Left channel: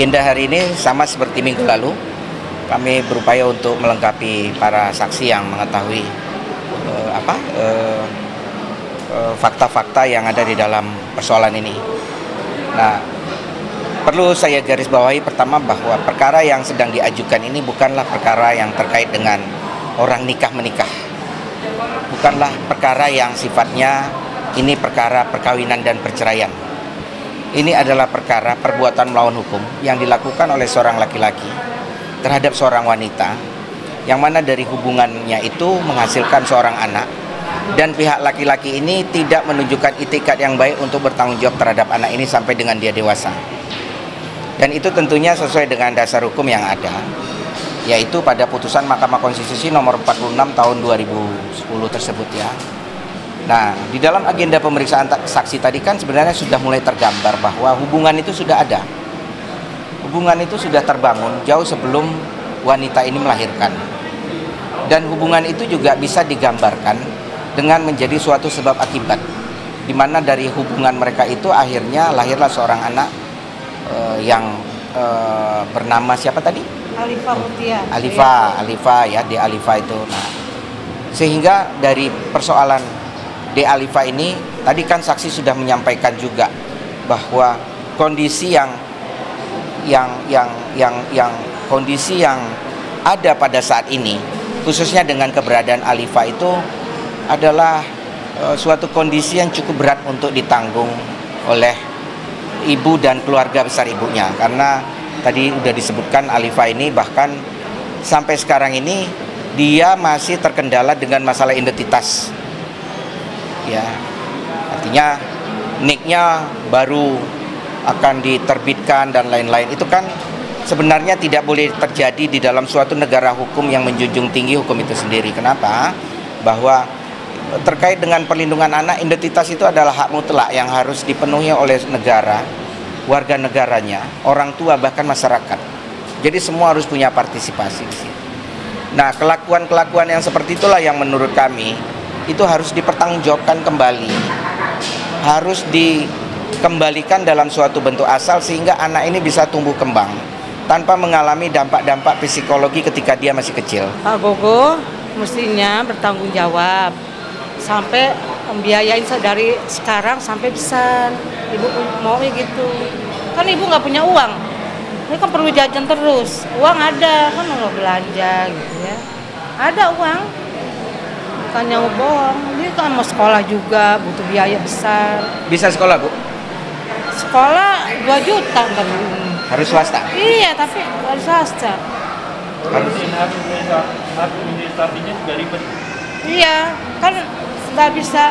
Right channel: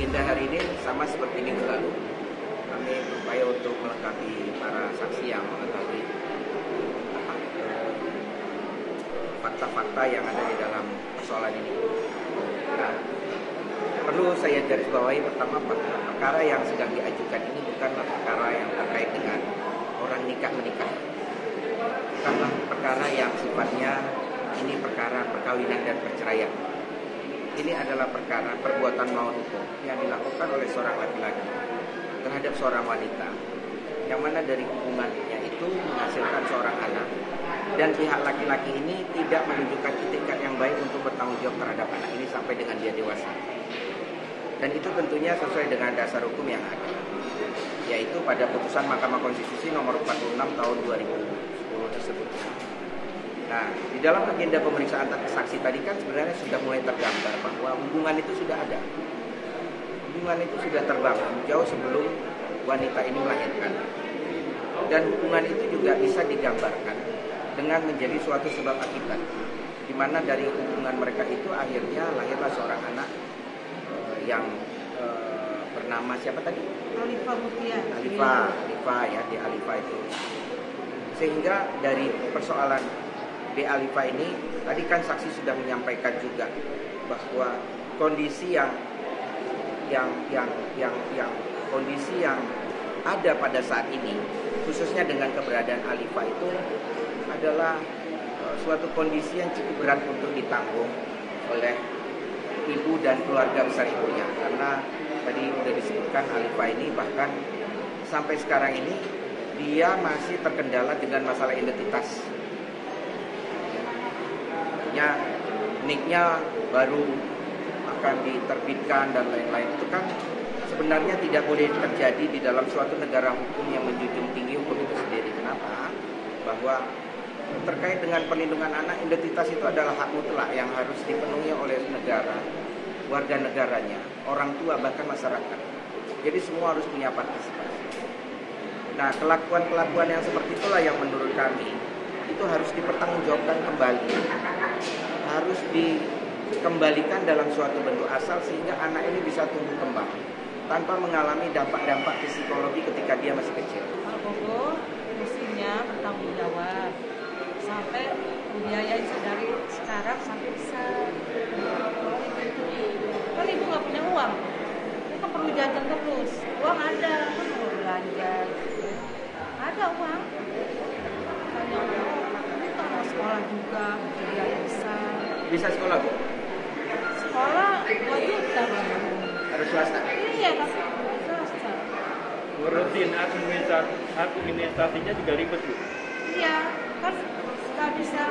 Agenda hari ini sama seperti minggu lalu, kami berupaya untuk melengkapi para saksi yang mengetahui fakta-fakta yang ada di dalam persoalan ini. Nah, perlu saya garis bawahi pertama bahwa perkara yang sedang diajukan ini bukanlah perkara yang terkait dengan orang nikah-menikah. Bukanlah perkara yang sifatnya ini perkara perkawinan dan perceraian. Ini adalah perkara perbuatan melawan hukum yang dilakukan oleh seorang laki-laki terhadap seorang wanita, yang mana dari hubungannya itu menghasilkan seorang anak, dan pihak laki-laki ini tidak menunjukkan itikat yang baik untuk bertanggung jawab terhadap anak ini sampai dengan dia dewasa. Dan itu tentunya sesuai dengan dasar hukum yang ada, yaitu pada putusan Mahkamah Konstitusi nomor 46 tahun 2010 tersebut ya. Nah, di dalam agenda pemeriksaan saksi tadi kan sebenarnya sudah mulai tergambar bahwa hubungan itu sudah ada. Hubungan itu sudah terbangun jauh sebelum wanita ini melahirkan. Dan hubungan itu juga bisa digambarkan dengan menjadi suatu sebab akibat, di mana dari hubungan mereka itu akhirnya lahirlah seorang anak yang bernama siapa tadi? Alifa Mutia. Alifa ya, di Alifa itu. Nah, sehingga dari persoalan De Alifa ini tadi kan saksi sudah menyampaikan juga bahwa kondisi kondisi yang ada pada saat ini, khususnya dengan keberadaan Alifa itu adalah suatu kondisi yang cukup berat untuk ditanggung oleh ibu dan keluarga besar ibunya, karena tadi sudah disebutkan Alifa ini bahkan sampai sekarang ini dia masih terkendala dengan masalah identitas. Ya, artinya niknya baru akan diterbitkan dan lain-lain. Itu kan sebenarnya tidak boleh terjadi di dalam suatu negara hukum yang menjunjung tinggi hukum itu sendiri. Kenapa? Bahwa terkait dengan perlindungan anak, identitas itu adalah hak mutlak yang harus dipenuhi oleh negara, warga negaranya, orang tua, bahkan masyarakat. Jadi semua harus punya partisipasi. Nah, kelakuan-kelakuan yang seperti itulah yang menurut kami itu harus dipertanggungjawabkan kembali, harus dikembalikan dalam suatu bentuk asal sehingga anak ini bisa tumbuh kembang tanpa mengalami dampak-dampak psikologi ketika dia masih kecil. Pak Gogo mestinya bertanggung jawab sampai membiayain dari sekarang sampai besar. Ibu maunya gitu, kan ibu nggak punya uang, ini kan perlu jajan terus, uang ada kan mau belanja gitu ya, ada uang. Bukannya mau bohong, dia kan mau sekolah juga, butuh biaya besar. Bisa sekolah, Bu? Sekolah 2 juta kan. Harus swasta? Iya, tapi harus swasta. Harus. Administrasinya juga ribet. Iya, kan nggak bisa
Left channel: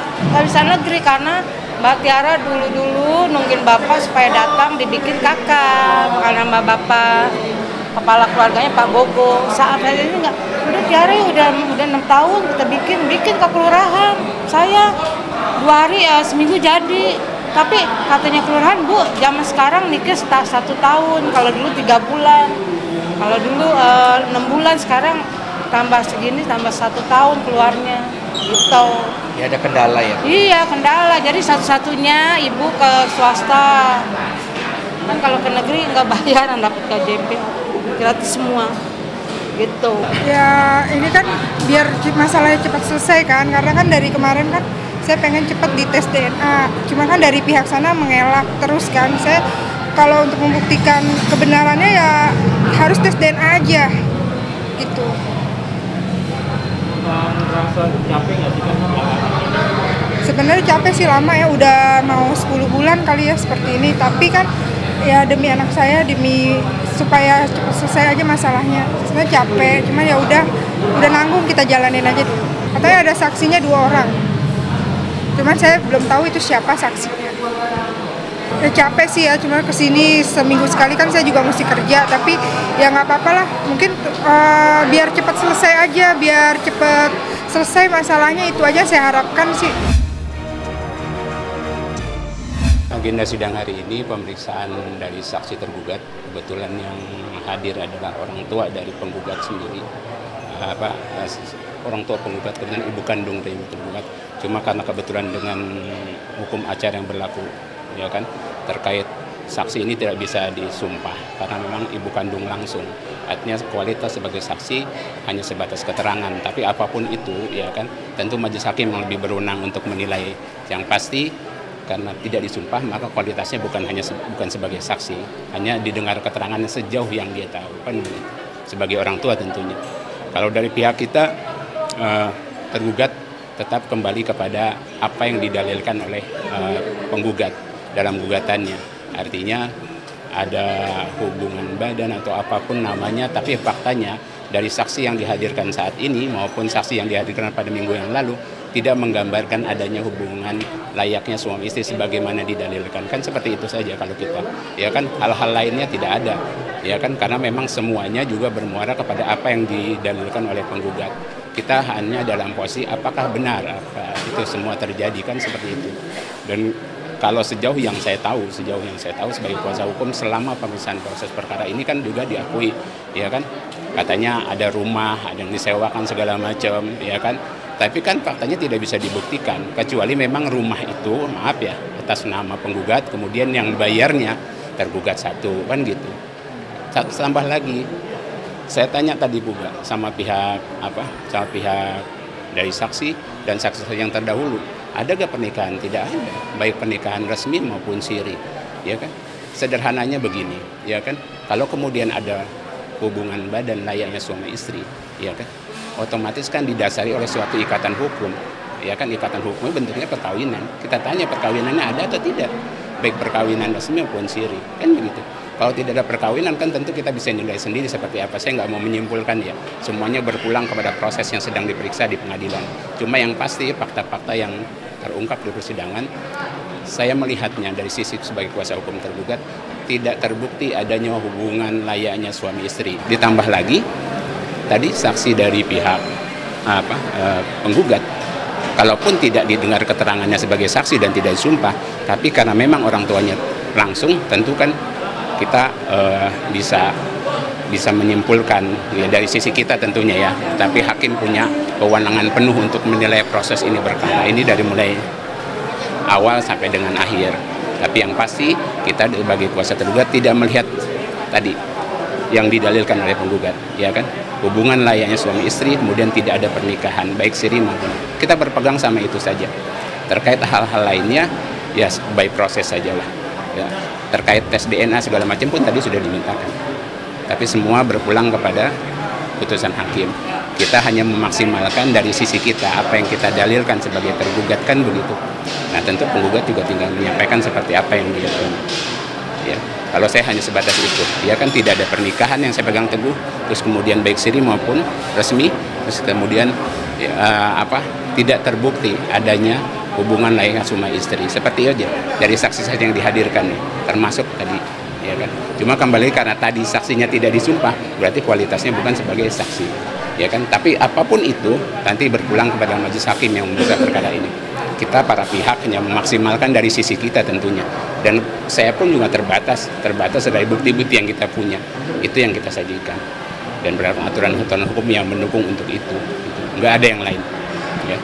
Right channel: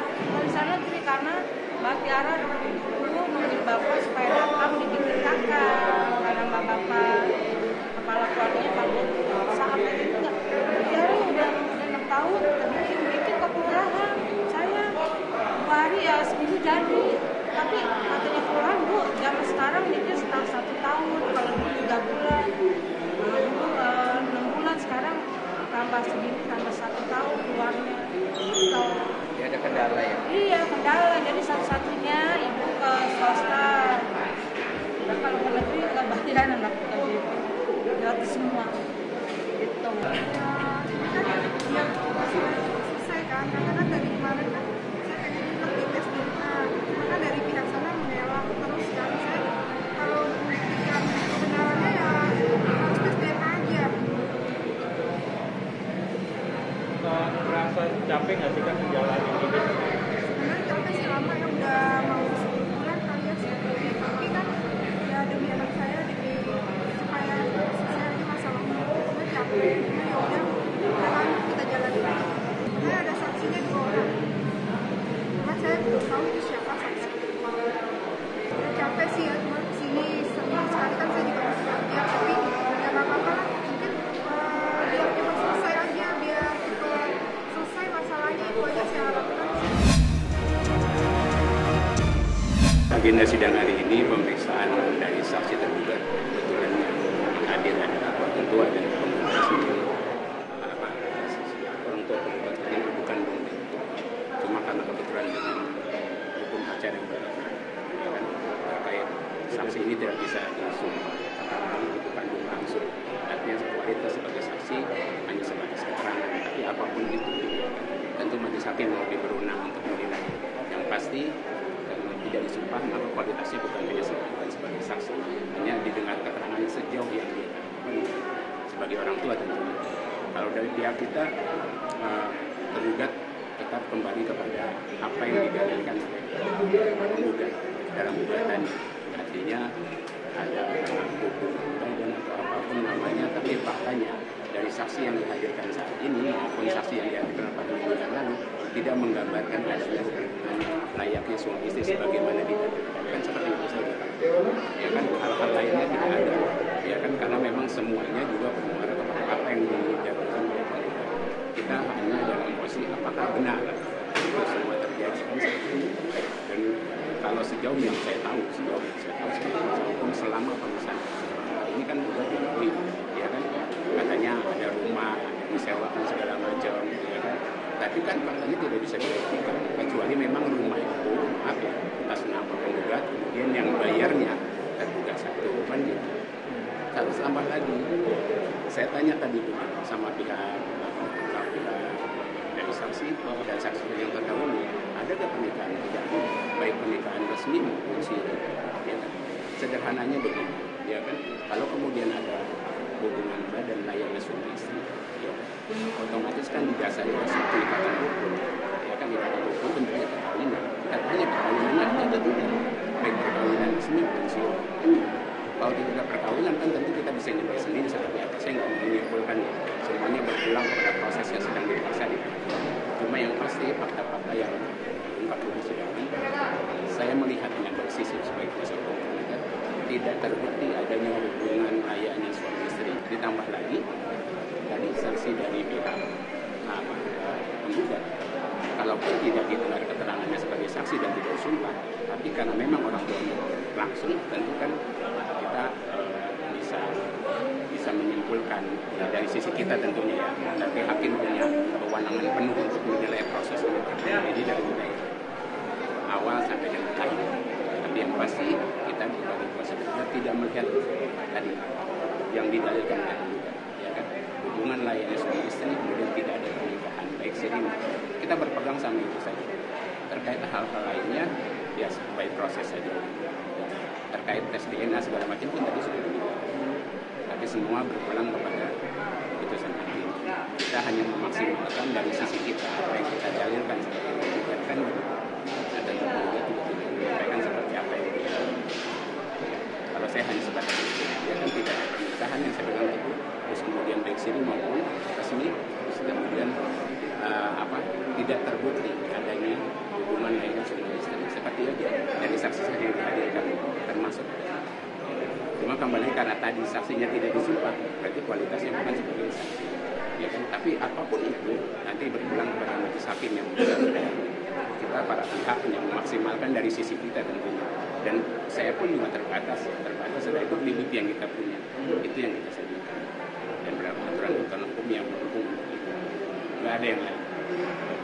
negeri karena Mbak Tiara dulu nungguin bapak supaya datang dibikin kakak, karena Mbak Bapak kepala keluarganya Pak Gogo. Saat hari ini nggak, udah Tiara udah 6 tahun kita bikin ke kelurahan. Saya 2 hari ya seminggu jadi. Tapi katanya kelurahan, Bu, zaman sekarang nikah 1 tahun. Kalau dulu 3 bulan. Kalau dulu 6 bulan, sekarang tambah segini tambah 1 tahun keluarnya. Gitu. Ya ada kendala ya? Iya, kendala. Jadi satu-satunya ibu ke swasta. Kan kalau ke negeri nggak bayaran dapat KJP. Gratis semua. Gitu. Ya ini kan biar masalahnya cepat selesai kan, karena kan dari kemarin kan saya pengen cepat dites DNA, cuma kan dari pihak sana mengelak terus kan. Saya kalau untuk membuktikan kebenarannya ya harus tes DNA aja gitu. Merasa capek nggak sih? Sebenarnya capek sih, lama ya, udah mau 10 bulan kali ya seperti ini, tapi kan ya demi anak saya, demi supaya cepat selesai aja masalahnya. Saya capek, cuman ya udah nanggung, kita jalanin aja. Katanya ada saksinya 2 orang. Cuman saya belum tahu itu siapa saksinya. Ya capek sih ya, cuma kesini seminggu sekali kan saya juga mesti kerja, tapi ya nggak apa-apa lah. Mungkin biar cepat selesai aja, biar cepat selesai masalahnya, itu aja saya harapkan sih. Agenda sidang hari ini pemeriksaan dari saksi tergugat. Kebetulan yang hadir adalah orang tua dari penggugat sendiri, orang tua penggugat dengan ibu kandung dari tergugat. Cuma karena kebetulan dengan hukum acara yang berlaku, ya kan, terkait saksi ini tidak bisa disumpah karena memang ibu kandung langsung. Artinya kualitas sebagai saksi hanya sebatas keterangan, tapi apapun itu ya kan tentu majelis hakim yang lebih berwenang untuk menilai. Yang pasti karena tidak disumpah maka kualitasnya bukan sebagai saksi, hanya didengar keterangannya sejauh yang dia tahu kan begitu. Sebagai orang tua tentunya. Kalau dari pihak kita tergugat tetap kembali kepada apa yang didalilkan oleh penggugat dalam gugatannya. Artinya ada hubungan badan atau apapun namanya, tapi faktanya dari saksi yang dihadirkan saat ini maupun saksi yang dihadirkan pada minggu yang lalu tidak menggambarkan adanya hubungan layaknya suami istri sebagaimana didalilkan. Kan seperti itu saja kalau kita. Ya kan hal-hal lainnya tidak ada. Ya kan karena memang semuanya juga bermuara kepada apa yang didalilkan oleh penggugat. Kita hanya dalam posisi apakah benar apa itu semua terjadi kan seperti itu. Dan kalau sejauh yang saya tahu sebagai kuasa hukum selama pemeriksaan proses perkara ini kan juga diakui, ya kan, katanya ada rumah, ada yang disewakan segala macam, ya kan, tapi kan faktanya tidak bisa dibuktikan kecuali memang rumah itu, maaf ya, atas nama penggugat, kemudian yang bayarnya tergugat satu, kan gitu. Tambah lagi, saya tanya tadi juga sama pihak dari saksi dan saksi yang terdahulu. Ada gak pernikahan? Tidak ada, baik pernikahan resmi maupun siri, ya kan? Sederhananya begini, ya kan? Kalau kemudian ada hubungan badan layaknya suami istri, ya kan? Otomatis kan didasari oleh suatu ikatan hukum, ya kan? Ikatan hukumnya bentuknya perkawinan. Kita tanya perkawinannya ada atau tidak, baik perkawinan resmi maupun siri, kan begitu. Kalau tidak ada perkawinan kan tentu kita bisa nilai sendiri seperti apa. Saya nggak mau menyimpulkan ya. Semuanya berpulang kepada proses yang sedang diperiksa di pengadilan. Cuma yang pasti fakta-fakta yang terungkap di persidangan, saya melihatnya dari sisi sebagai kuasa hukum tergugat tidak terbukti adanya hubungan layaknya suami istri. Ditambah lagi tadi saksi dari pihak penggugat, kalaupun tidak didengar keterangannya sebagai saksi dan tidak disumpah, tapi karena memang orang tuanya langsung, tentu kan kita bisa menyimpulkan ya, dari sisi kita tentunya ya, tapi hakim punya kewenangan penuh untuk menilai proses ini berkala. Ini dari mulai awal sampai dengan akhir. Tapi yang pasti kita sebagai kuasa tergugat tidak melihat tadi yang didalilkan oleh penggugat, ya kan? Hubungan layaknya suami istri, kemudian tidak ada pernikahan, baik siri maupun. Kita berpegang sama itu saja. Terkait hal-hal lainnya, ya by proses sajalah. Ya. Terkait tes DNA segala macam pun tadi sudah dimintakan. Tapi semua berpulang kepada putusan hakim. Kita hanya memaksimalkan dari sisi kita apa yang kita dalilkan sebagai tergugat kan begitu. Nah tentu penggugat juga tinggal menyampaikan seperti apa yang dia ya. Kalau saya hanya sebatas itu, ya kan tidak ada pernikahan yang saya pegang teguh, terus kemudian baik siri maupun resmi, terus kemudian tidak terbukti adanya hubungan layaknya suami istri. Seperti aja dari saksi-saksi yang dihadirkan, termasuk tadi, ya kan. Cuma kembali karena tadi saksinya tidak disumpah, berarti kualitasnya bukan sebagai saksi, ya kan. Tapi apapun itu nanti berpulang kepada majelis hakim yang memeriksa perkara ini. Kita para pihak hanya memaksimalkan dari sisi kita tentunya. Dan saya pun juga terbatas dari bukti-bukti yang kita punya. Itu yang kita sajikan. Dan berapa aturan-aturan hukum yang mendukung untuk itu. Enggak ada yang lain. Ya.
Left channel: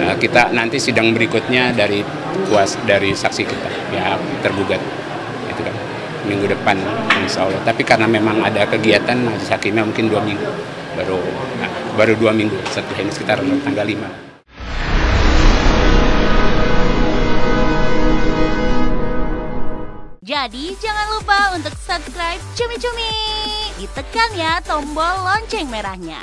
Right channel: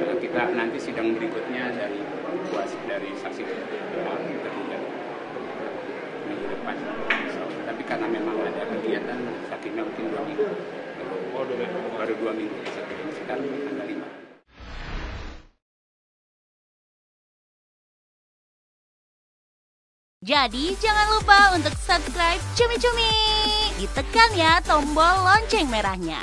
Nah, kita nanti sidang berikutnya dari saksi kita, ya tergugat. Itu kan minggu depan, insya Allah. Tapi karena memang ada kegiatan majelis hakimnya mungkin 2 minggu. Baru 2 minggu setelah ini sekitar tanggal 5. Jadi jangan lupa untuk subscribe Cumi Cumi. Ditekan ya tombol lonceng merahnya.